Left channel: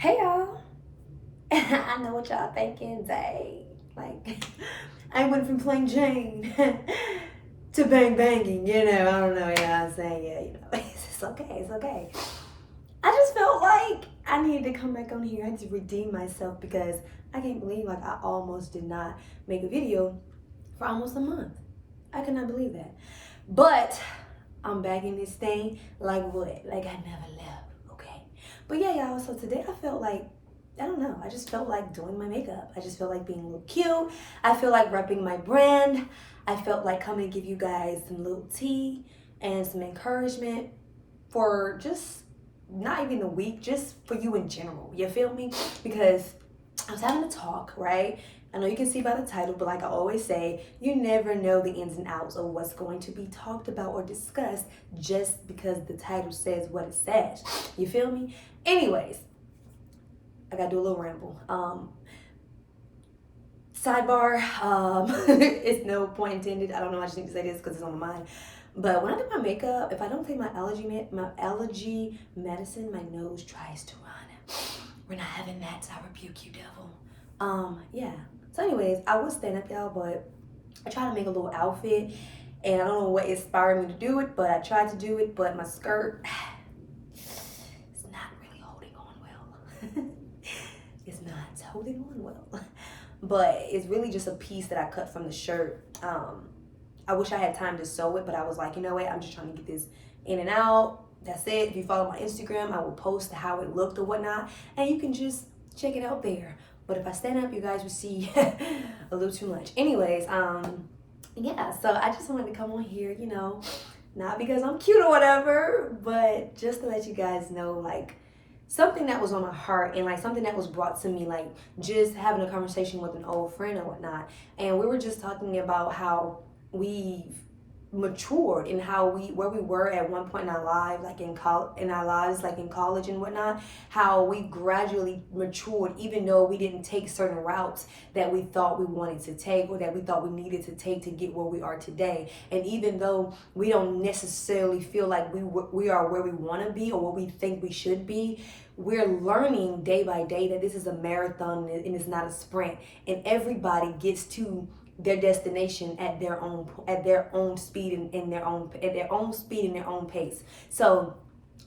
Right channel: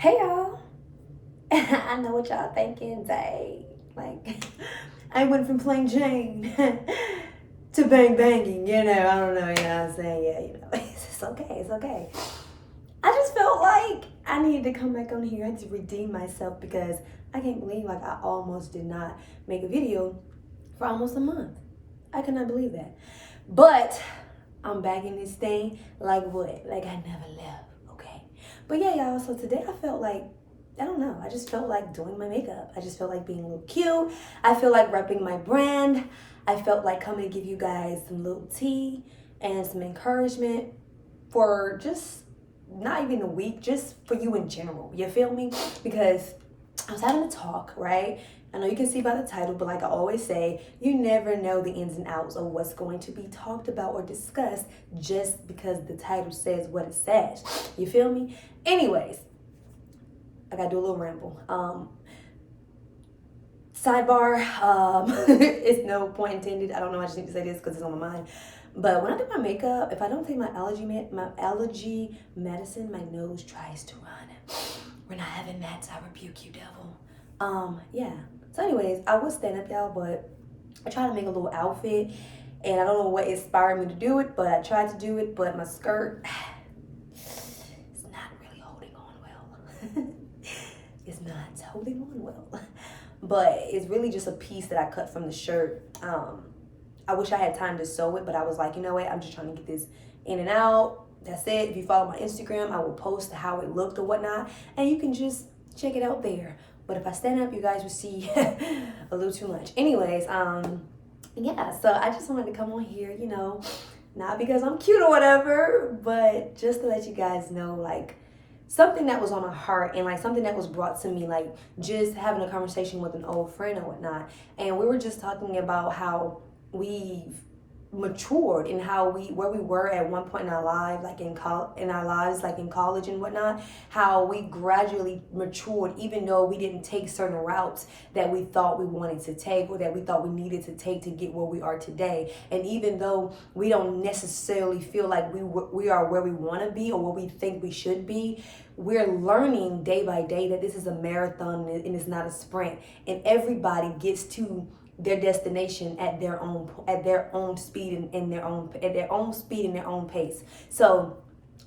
Hey y'all. I know what y'all thinking, dang. Like, I went from plain Jane to bang banging, I don't know, what I'm saying? Yeah, it's okay, it's okay. I just felt like I needed to come back on here. I had to redeem myself because I can't believe like I almost did not make a video for almost a month. I could not believe that. But I'm back in this thing like what? Like I never left, okay? But yeah, y'all, so today I felt like I don't know. I just felt like doing my makeup. I just felt like being a little cute. I feel like repping my brand. I felt like coming to give you guys some little tea and some encouragement for just not even a week, just for you in general. You feel me? Because I was having a talk, right? I know you can see by the title, but like I always say, you never know the ins and outs of what's going to be talked about or discussed just because the title says what it says. You feel me? Anyways, I gotta do a little ramble. Sidebar, it's no point intended. I don't know, I just need to say this because it's on my mind. But when I do my makeup, if I don't take my allergy medicine, my nose tries to run. We're not having that, so I rebuke you, devil. Yeah. So anyways, I would stand up, y'all, but I tried to make a little outfit, and I don't know what inspired me to do it, but I tried to do it, but my skirt, it's not really holding on well. It's not holding on well. But it's really just a piece that I cut from the shirt. I wish I had time to sew it, but I was like, you know what? I'm just trying to get this in and out. That's it. If you follow my Instagram, I will post how it looked or whatnot, and you can just check it out there. But if I stand up, you guys will see a little too much. Anyways, yeah, so I just wanted to come on here, not because I'm cute or whatever, but just to let you guys know, like, something that was on my heart and like something that was brought to me, like just having a conversation with an old friend or whatnot. And we were just talking about how we've matured and how where we were at one point in our life, like in our lives, like in college and whatnot, how we gradually matured even though we didn't take certain routes that we thought we wanted to take or that we thought we needed to take to get where we are today. And even though we don't necessarily feel like we are where we want to be or where we think we should be, we're learning day by day that this is a marathon and it's not a sprint, and everybody gets to their destination at their own speed and in their own speed and their own pace. So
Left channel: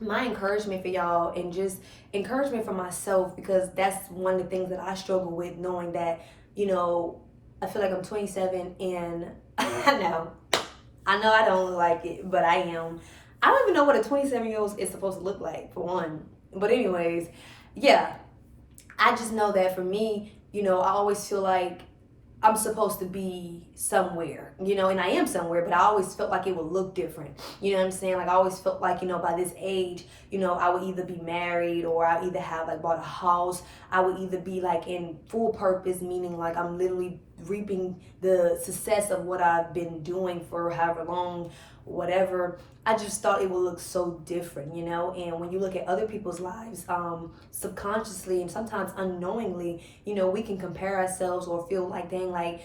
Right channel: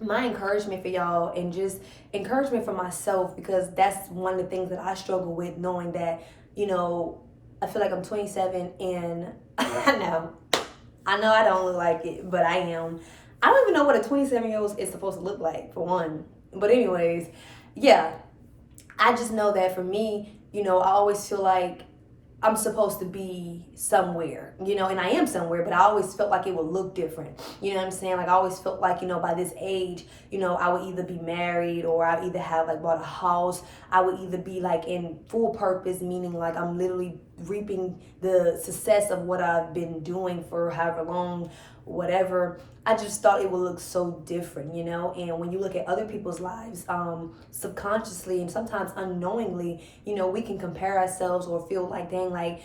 my encouragement for y'all, and just encouragement for myself, because that's one of the things that I struggle with, knowing that, I feel like I'm 27 and I know I don't look like it, but I am. I don't even know what a 27-year-old is supposed to look like, for one. But anyways, yeah, I just know that for me, I always feel like I'm supposed to be somewhere, and I am somewhere, but I always felt like it would look different. You know what I'm saying? Like I always felt like, by this age, I would either be married or I either have like bought a house. I would either be like in full purpose, meaning like I'm literally reaping the success of what I've been doing for however long, whatever. I just thought it would look so different, and when you look at other people's lives, subconsciously and sometimes unknowingly, we can compare ourselves or feel like, dang, like,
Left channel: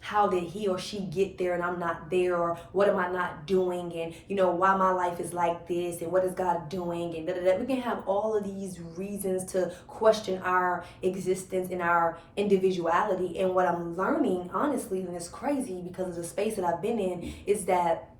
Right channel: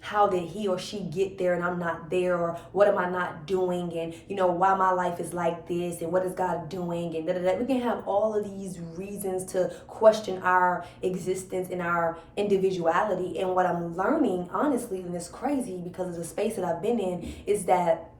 how did he or she get there and I'm not there, or what am I not doing, and why my life is like this, and what is God doing, and we can have all of these reasons to question our existence and our individuality. And what I'm learning, honestly, and it's crazy because of the space that I've been in, is that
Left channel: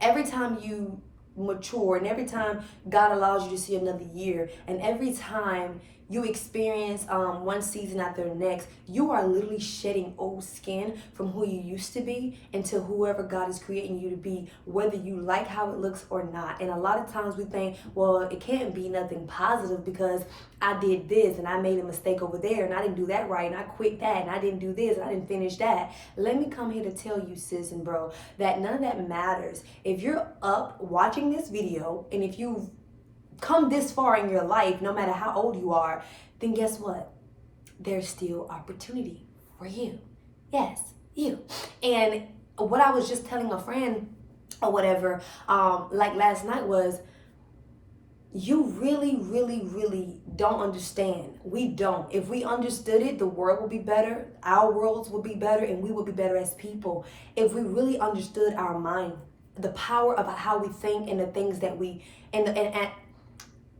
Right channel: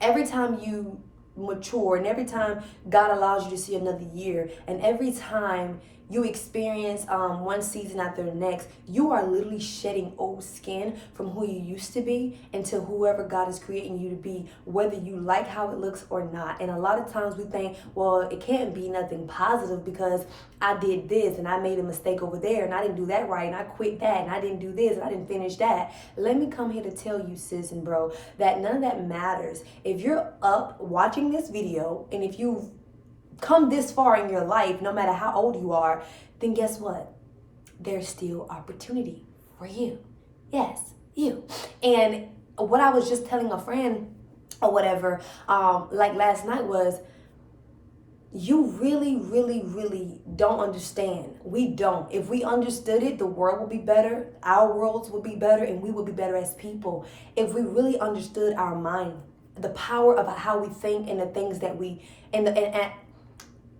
every time you mature and every time God allows you to see another year, and every time you experience one season after the next, you are literally shedding old skin from who you used to be into whoever God is creating you to be, whether you like how it looks or not. And a lot of times we think, well, it can't be nothing positive because I did this and I made a mistake over there and I didn't do that right and I quit that and I didn't do this and I didn't finish that. Let me come here to tell you, sis and bro, that none of that matters. If you're up watching this video, and if you've come this far in your life, no matter how old you are, then guess what? There's still opportunity for you. Yes, you. And what I was just telling a friend or whatever, like last night, was you really, really, really don't understand. We don't. If we understood it, the world would be better, our worlds would be better, and we would be better as people. If we really understood our mind, the power of how we think and the things that we, and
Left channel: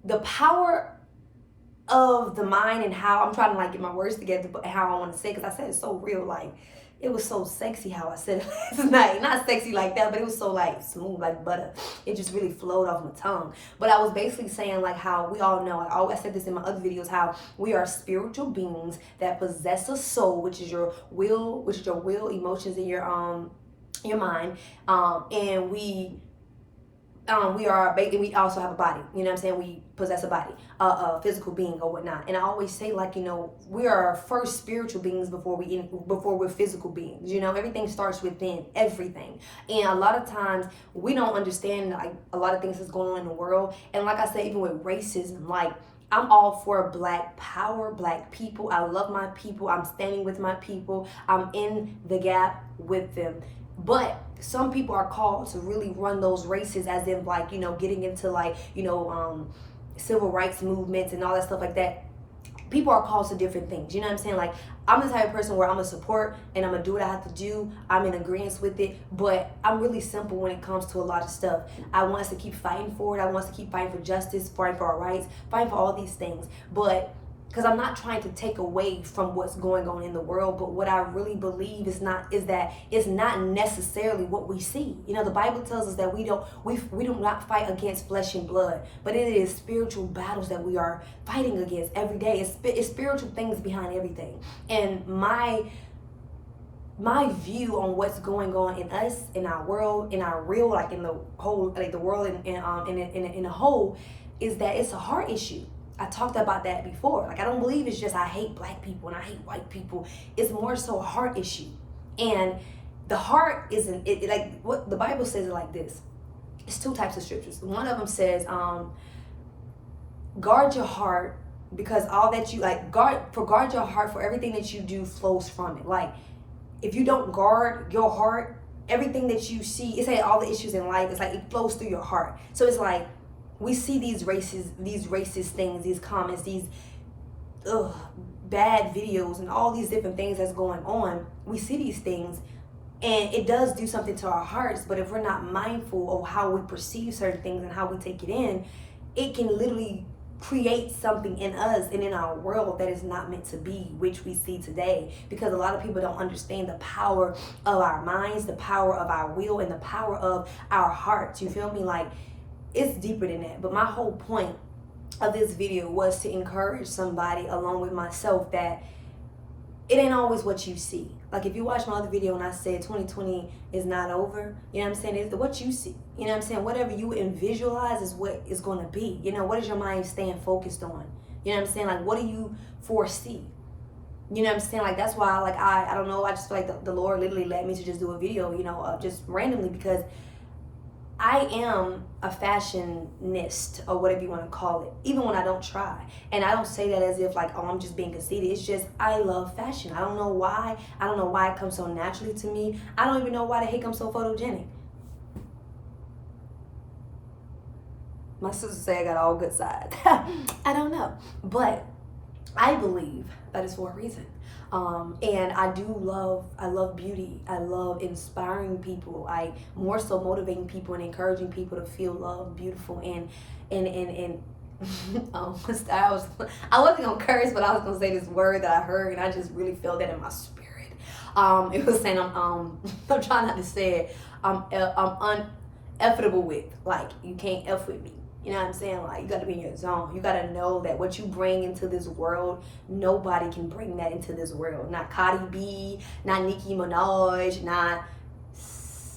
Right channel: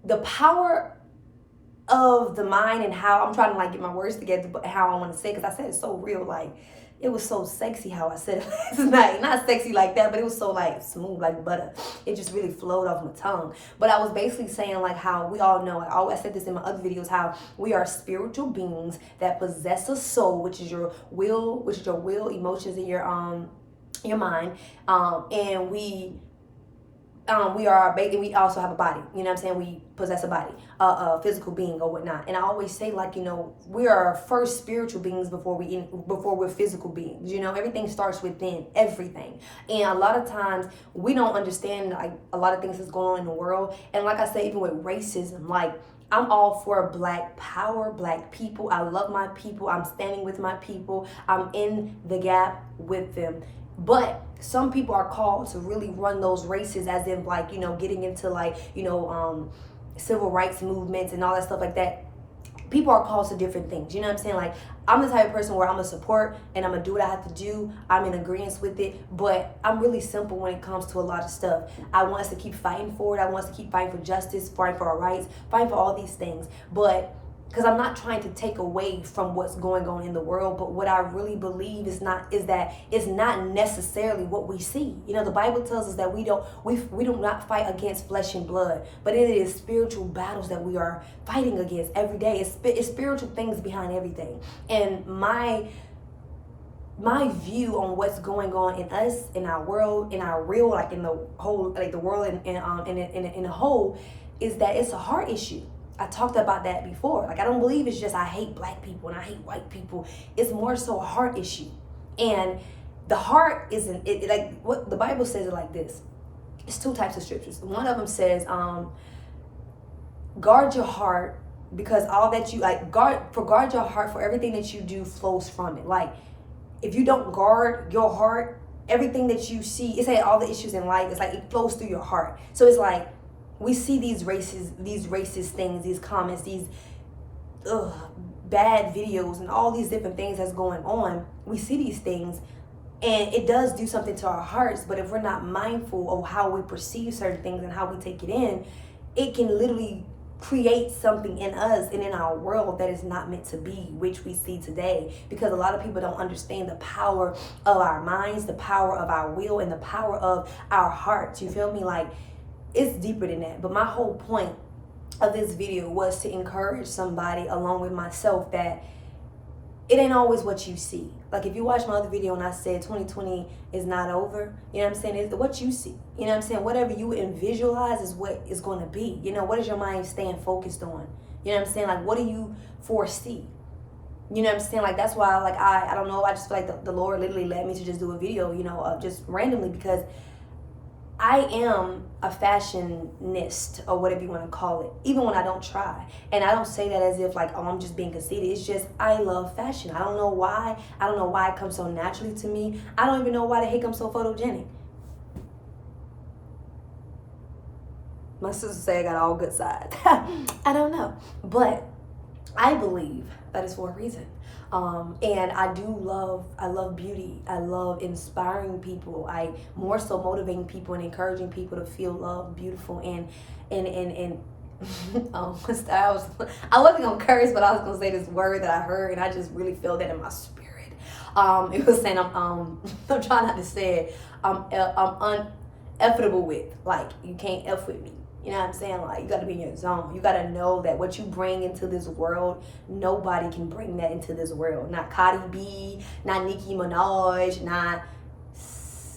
the power of the mind and how I'm trying to like get my words together, but how I want to say, because I said it so real, like it was so sexy how I said it last night. Not sexy like that, but it was so like smooth like butter. It just really flowed off my tongue. But I was basically saying like how we all know, I always said this in my other videos, how we are spiritual beings that possess a soul, which is your will, emotions, and your mind. And we also have a body, you know what I'm saying? We possess a body, a physical being or whatnot. And I always say, like, you know, we are first spiritual beings before we're physical beings. You know, everything starts within, everything. And a lot of times we don't understand like a lot of things that's going on in the world. And like I said, even with racism, like, I'm all for Black power, Black people. I love my people. I'm standing with my people. I'm in the gap with them. But some people are called to really run those races as if like, you know, getting into like, you know, civil rights movements and all that stuff like that. People are called to different things. You know what I'm saying? Like, I'm the type of person where I'm going to support and I'm going to do what I have to do. I'm in agreement with it. But I'm really simple when it comes to a lot of stuff. I want us to keep fighting for it. I want us to keep fighting for justice, fighting for our rights, fighting for all these things. But because I'm not trying to take away from what's going on in the world, but what I really believe is that it's not necessarily what we see. You know, the Bible tells us that we do not fight against flesh and blood, but it is spiritual battles that we are fighting against every day. It's spiritual things behind everything. And my view on what's going on in us, in our world, in our real, like in the whole, like the world in a whole, is that it's a heart issue. I talked about that before. Like, I don't believe it's just I hate Black people and I hate white people. It's more so a heart issue. And the heart isn't, like what the Bible says it like this. It's two types of scriptures. One of them says, guard your heart, because all that you guard your heart, for everything that you do flows from it. Like, if you don't guard your heart, everything that you see, it's like all the issues in life, it's like it flows through your heart. So it's like, we see these racist things, these comments, these bad videos and all these different things that's going on. We see these things and it does do something to our hearts. But if we're not mindful of how we perceive certain things and how we take it in, it can literally create something in us and in our world that is not meant to be, which we see today. Because a lot of people don't understand the power of our minds, the power of our will, and the power of our hearts. You feel me? Like, it's deeper than that. But my whole point of this video was to encourage somebody along with myself that it ain't always what you see. Like, if you watch my other video and I said 2020 is not over, you know what I'm saying? It's what you see. You know what I'm saying? Whatever you visualize is what is going to be. You know, what is your mind staying focused on? You know what I'm saying? Like, what do you foresee? You know what I'm saying? Like, that's why, like, I don't know. I just feel like the Lord literally led me to just do a video, you know, just randomly, because I am a fashionist, or whatever you want to call it, even when I don't try. And I don't say that as if like, oh, I'm just being conceited. It's just, I love fashion. I don't know why. I don't know why it comes so naturally to me. I don't even know why the heck I'm so photogenic. My sister say I got all good sides. I don't know. But I believe that is for a reason. And I love beauty. I love inspiring people. I more so motivating people and encouraging people to feel loved, beautiful, and I wasn't gonna curse, but I was gonna say this word that I heard, and I just really feel that in my spirit. It was saying I'm trying not to say it. I'm uneffable with, like, you can't F with me. You know what I'm saying? Like, you got to be in your zone. You got to know that what you bring into this world, nobody can bring that into this world. Not Cardi B, not Nicki Minaj, not,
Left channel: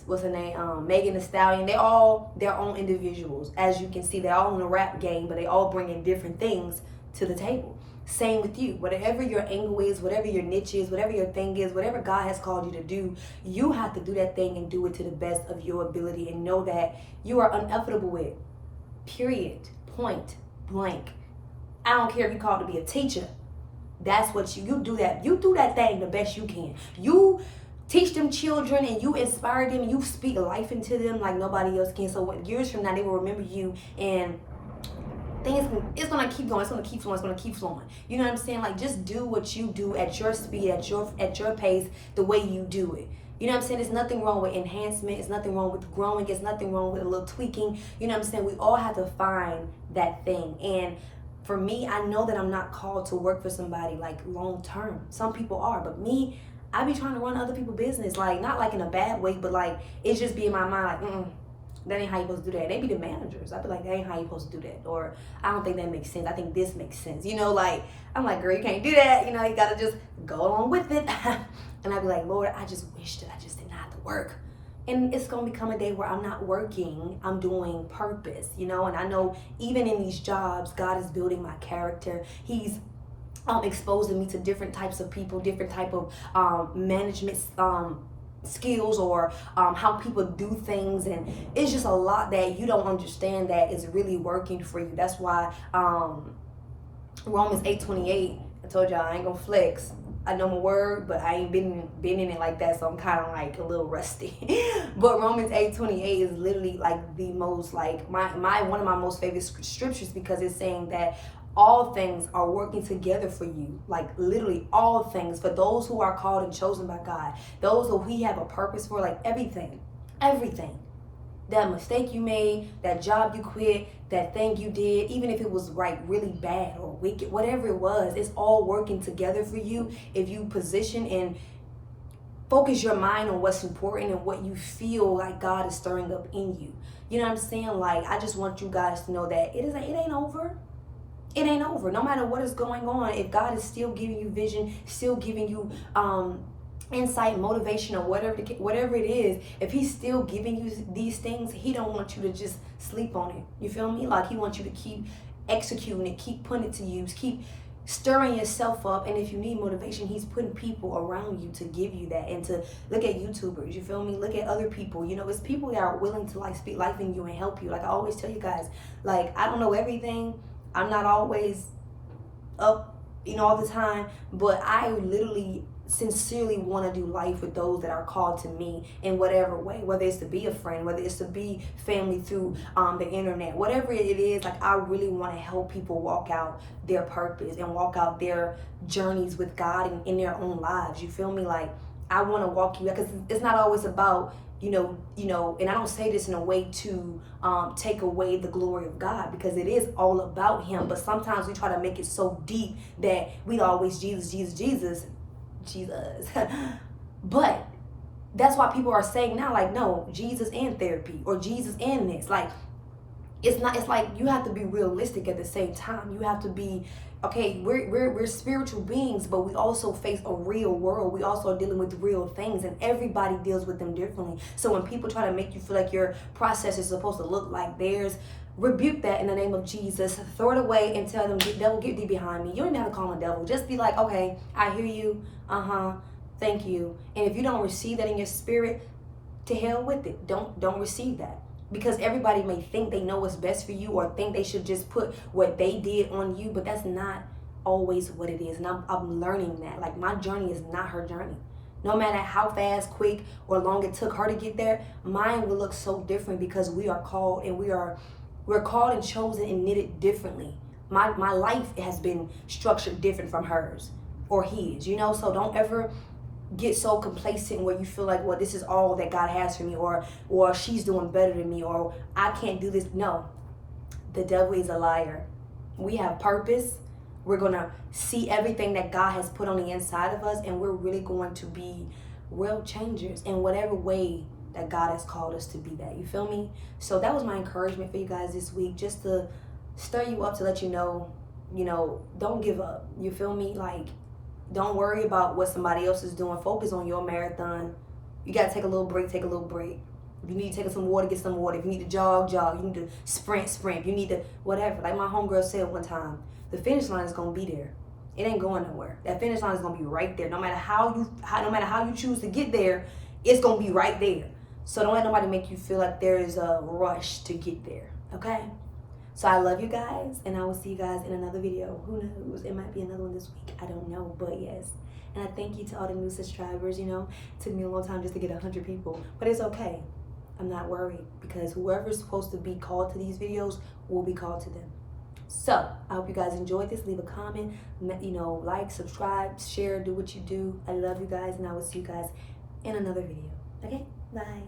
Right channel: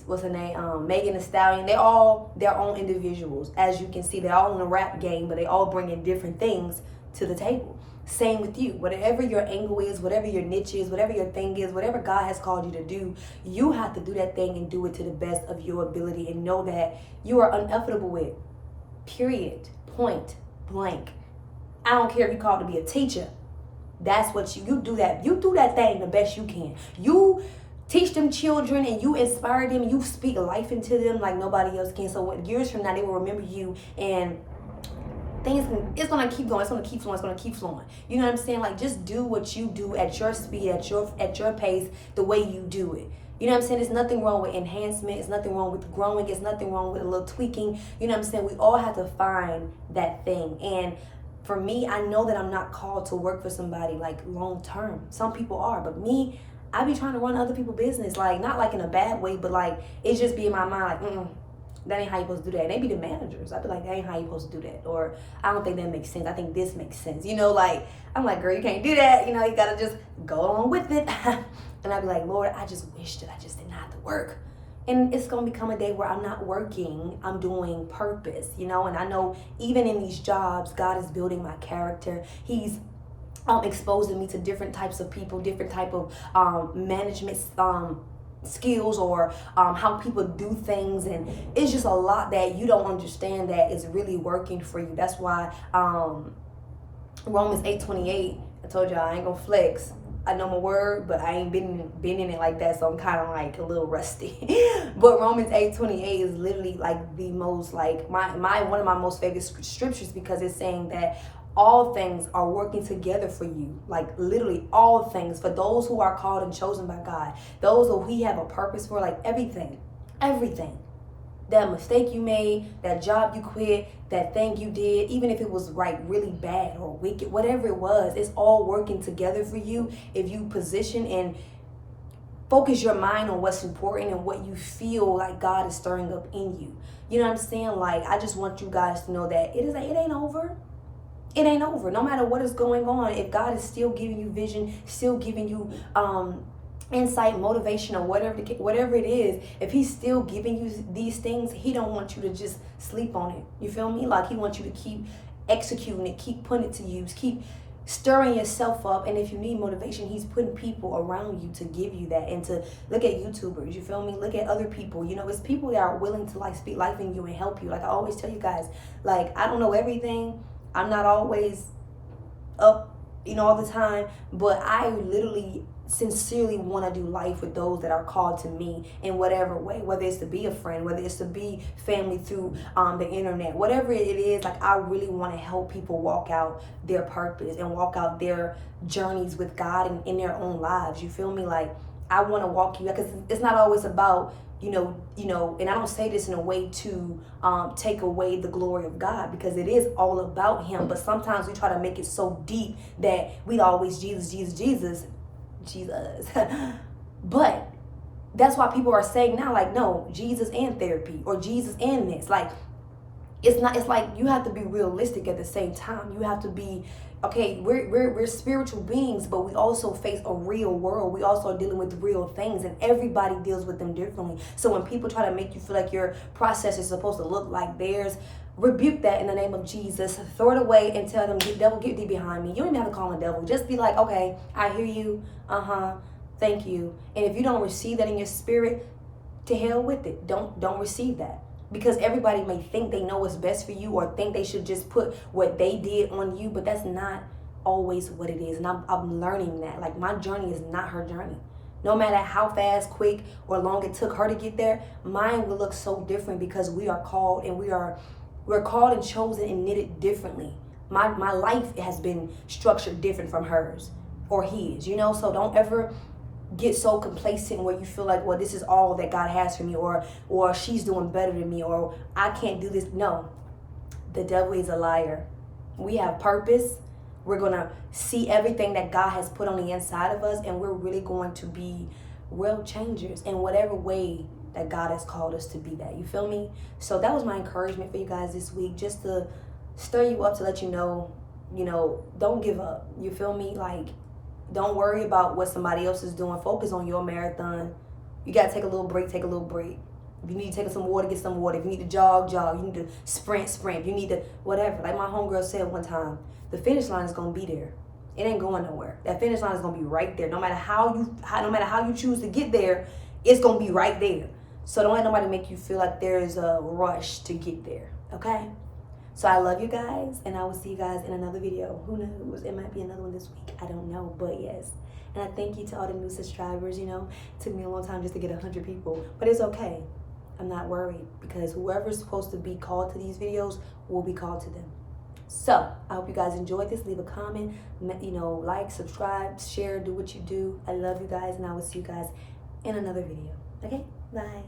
what's her name? Megan Thee Stallion. They're all their own individuals. As you can see, they're all in the rap game, but they all bring in different things to the table. Same with you. Whatever your angle is, whatever your niche is, whatever your thing is, whatever God has called you to do, you have to do that thing and do it to the best of your ability, and know that you are inevitable with. Period. Point blank. I don't care if you called to be a teacher. That's what you do that. You do that thing the best you can. You teach them children and you inspire them. You speak life into them like nobody else can. So what, years from now, they will remember you, and it's gonna keep going. It's gonna keep flowing. It's gonna keep flowing. You know what I'm saying? Like, just do what you do at your speed, at your pace, the way you do it. You know what I'm saying? There's nothing wrong with enhancement. It's nothing wrong with growing. There's nothing wrong with a little tweaking. You know what I'm saying? We all have to find that thing. And for me, I know that I'm not called to work for somebody like long term. Some people are, but me, I be trying to run other people's business, like not like in a bad way, but like it just be in my mind like, that ain't how you supposed to do that. And they be the managers. I be like, that ain't how you supposed to do that. Or I don't think that makes sense. I think this makes sense. You know, like I'm like, girl, you can't do that. You know, you gotta just go along with it. And I be like, Lord, I just wish that I just didn't have to work. And it's gonna become a day where I'm not working, I'm doing purpose, you know. And I know even in these jobs, God is building my character. He's exposing me to different types of people, different type of management skills, or how people do things. And it's just a lot that you don't understand that is really working for you. That's why Romans 8:28, I told y'all I ain't gonna flex. I know my word, but I ain't been in it like that, so I'm kind of like a little rusty. But Romans 8:28 is literally like the most, like my one of my most favorite scriptures, because it's saying that all things are working together for you, like literally all things, for those who are called and chosen by God, those who He have a purpose for, like everything. That mistake you made, that job you quit, that thing you did, even if it was right, really bad or wicked, whatever it was, it's all working together for you if you position and focus your mind on what's important and what you feel like God is stirring up in you. You know what I'm saying? Like, I just want you guys to know that it ain't over. It ain't over. No matter what is going on, if God is still giving you vision, still giving you insight, motivation, or whatever it is, if He's still giving you these things, He don't want you to just sleep on it. You feel me? Like, He wants you to keep executing it, keep putting it to use, keep stirring yourself up. And if you need motivation, He's putting people around you to give you that. And to look at YouTubers, you feel me? Look at other people. You know, it's people that are willing to like speak life in you and help you. Like I always tell you guys, like, I don't know everything. I'm not always up, you know, all the time, but I literally sincerely want to do life with those that are called to me in whatever way, whether it's to be a friend, whether it's to be family through the internet, whatever it is. Like, I really want to help people walk out their purpose and walk out their journeys with God and in their own lives. You feel me? Like, I want to walk you, because it's not always about you know, and I don't say this in a way to take away the glory of God, because it is all about Him. But sometimes we try to make it so deep that we always Jesus. But that's why people are saying now, like, no, Jesus and therapy, or Jesus and this. Like, it's like you have to be realistic at the same time. You have to be, okay, we're spiritual beings, but we also face a real world. We also are dealing with real things, and everybody deals with them differently. So when people try to make you feel like your process is supposed to look like theirs, rebuke that in the name of Jesus. Throw it away and tell them, devil, get thee behind me. You don't even have to call him a devil. Just be like, okay, I hear you. Thank you. And if you don't receive that in your spirit, to hell with it. Don't receive that. Because everybody may think they know what's best for you, or think they should just put what they did on you, but that's not always what it is. And I'm learning that. Like, my journey is not her journey. No matter how fast, quick, or long it took her to get there, mine will look so different, because we are called, and we're called and chosen and knitted differently. My life has been structured different from hers or his, you know. So don't ever get so complacent where you feel like, well, this is all that God has for me, or she's doing better than me, or I can't do this. No, the devil is a liar. We have purpose. We're gonna see everything that God has put on the inside of us, and we're really going to be world changers in whatever way that God has called us to be that. You feel me? So that was my encouragement for you guys this week, just to stir you up, to let you know, don't give up. You feel me? Like, don't worry about what somebody else is doing. Focus on your marathon. You got to take a little break, take a little break. If you need to take some water, get some water. If you need to jog. You need to sprint. If you need to whatever. Like my homegirl said one time, the finish line is going to be there. It ain't going nowhere. That finish line is going to be right there. No matter how you choose to get there, it's going to be right there. So don't let nobody make you feel like there is a rush to get there. Okay? So I love you guys, and I will see you guys in another video. Who knows? It might be another one this week. I don't know, but yes. And I thank you to all the new subscribers. It took me a long time just to get 100 people, but it's okay. I'm not worried, because whoever's supposed to be called to these videos will be called to them. So I hope you guys enjoyed this. Leave a comment, like, subscribe, share, do what you do. I love you guys, and I will see you guys in another video. Okay? Bye.